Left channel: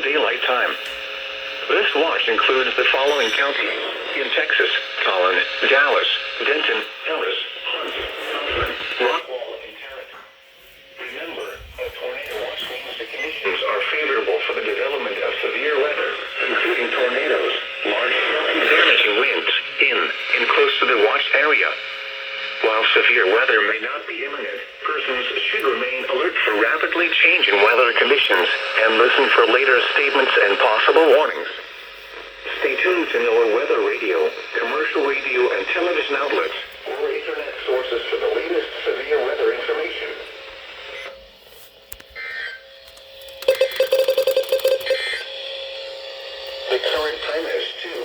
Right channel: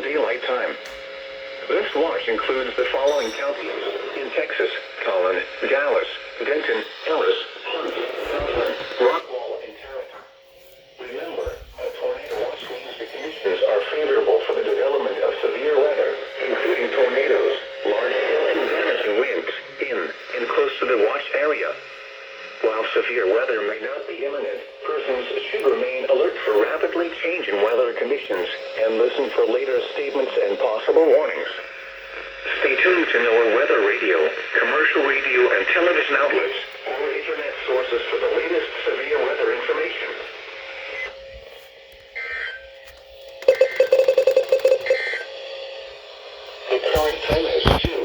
Central Daylight Time. This watch includes the following counties in Texas: Collin, Dallas, Denton, Ellis, Hunt, Rockwall, and Tarrant. Remember, a tornado watch means the conditions are favorable for the development of severe weather, including tornadoes, large-scale damage and winds in and close to the watched area. While severe weather may not be imminent, persons should remain alert for rapidly changing weather conditions and listen for later statements and possible warnings. Stay tuned to our weather radio, commercial radio, and television outlets, or internet sources for the latest severe weather information. The current time is 2